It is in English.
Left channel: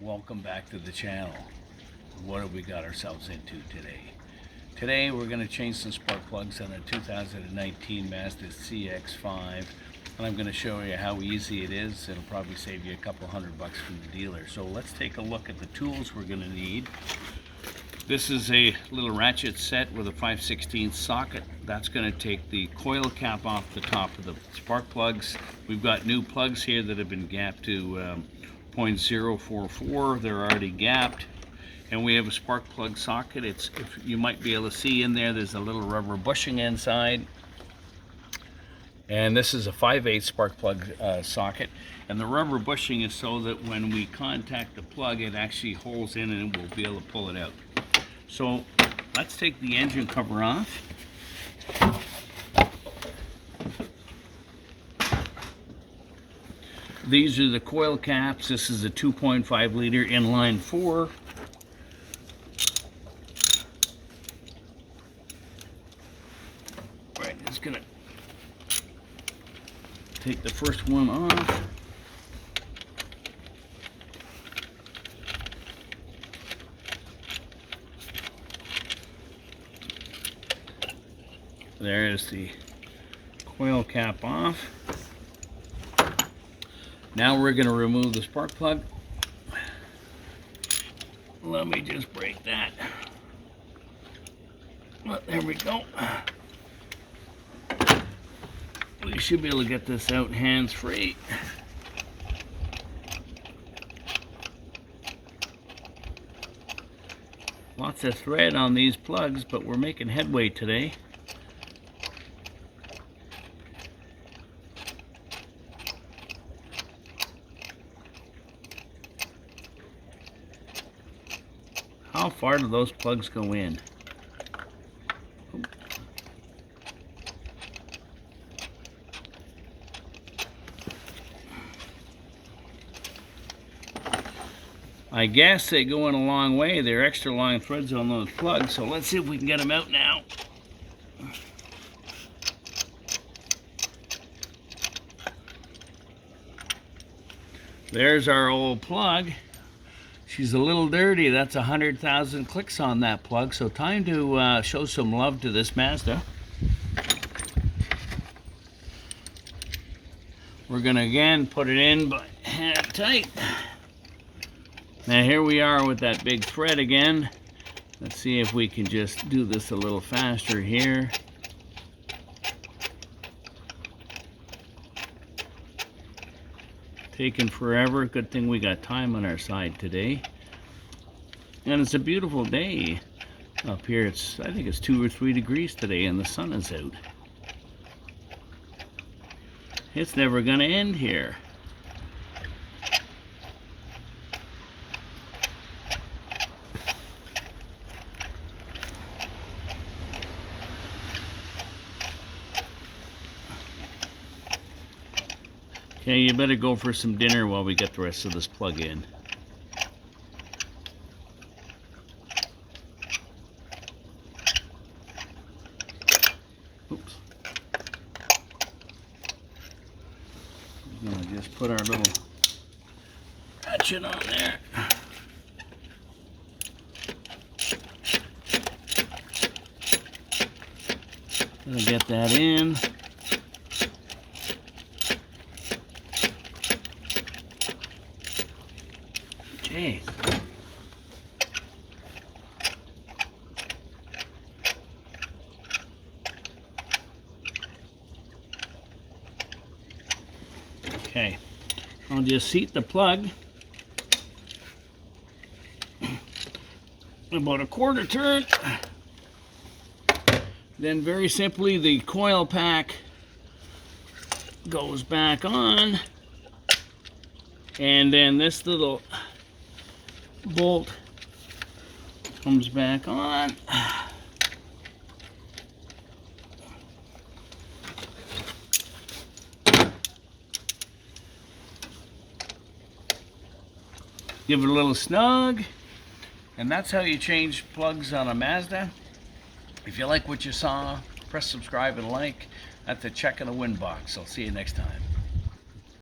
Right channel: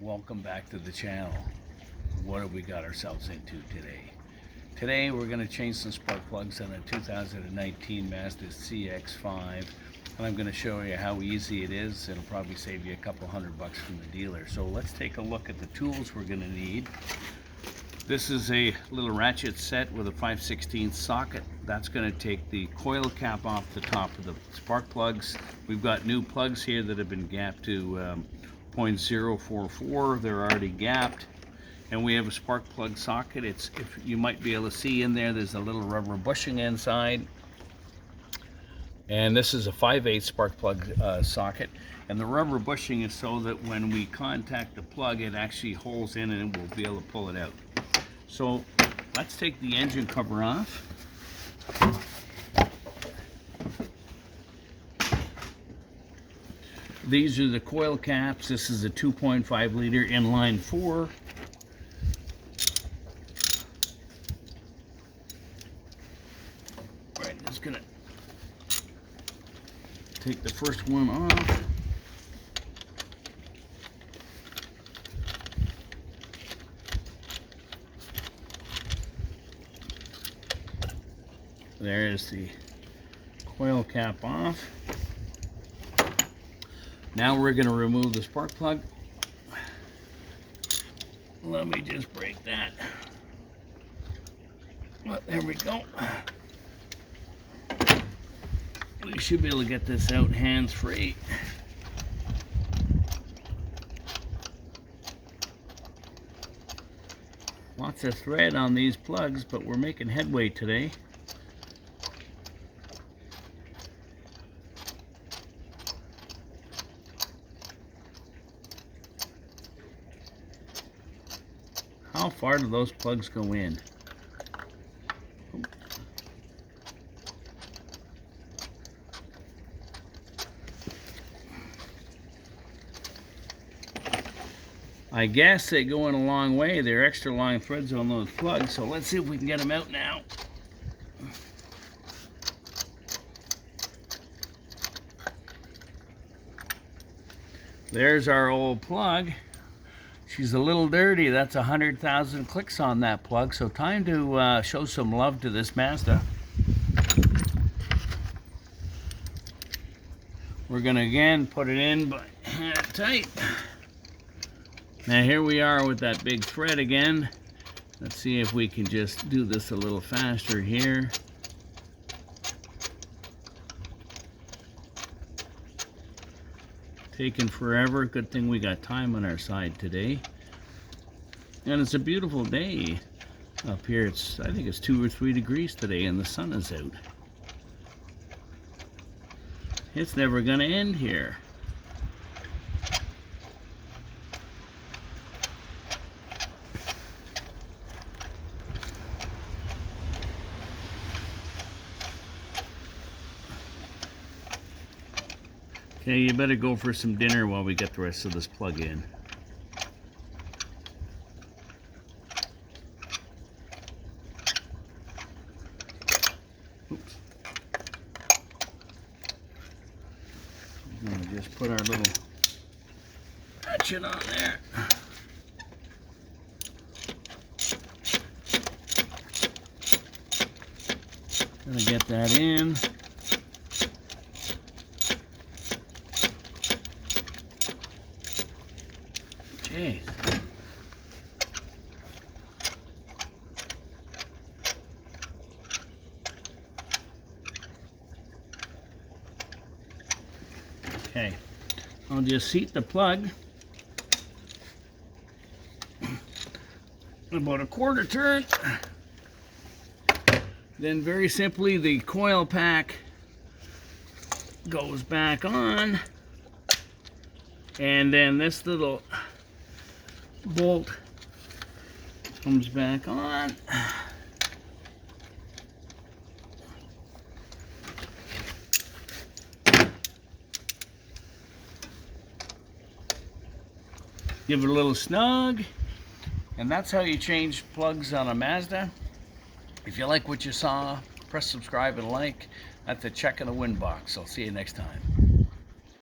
Welcome back to the channel. What have we got ourselves into today? Today we're going to change some spark plugs on a 2019 Mazda CX5, and I'm going to show you how easy it is. It'll probably save you a couple $100 from the dealer. So let's take a look at the tools we're going to need. This is a little ratchet set with a 5/16 socket. That's going to take the coil cap off the top of the spark plugs. We've got new plugs here that have been gapped to 0.044. They're already gapped. And we have a spark plug socket. If you might be able to see in there's a little rubber bushing inside. And this is a 5/8 spark plug socket. And the rubber bushing is so that when we contact the plug, it actually holds in and we'll be able to pull it out. So let's take the engine cover off. These are the coil caps. This is a 2.5 liter inline 4. Right, just gonna take the first one off. There is the coil cap off. Now we're going to remove the spark plug. Let me just break that. Well, there we go. We should be able to get this out hands-free. Lots of thread on these plugs, but we're making headway today. How far do those plugs go in? I guess they go in a long way. They're extra long threads on those plugs, so let's see if we can get them out now. There's our old plug. She's a little dirty. That's 100,000 clicks on that plug, so time to show some love to this Mazda. We're gonna again put it in, but hand it tight. Now here we are with that big thread again. Let's see if we can just do this a little faster here. Taking forever. Good thing we got time on our side today. And it's a beautiful day up here. I think it's 2 or 3 degrees today and the sun is out. It's never gonna end here. Okay, you better go for some dinner while we get the rest of this plug in. Oops. I'm gonna just put our little ratchet on there. Gonna get that in. Jeez. Okay, I'll just seat the plug about a quarter turn. Then very simply the coil pack goes back on, and then this little bolt comes back on. Give it a little snug, and that's how you change plugs on a Mazda. If you like what you saw, press subscribe and like. That's a check in the win box. I'll see you next time.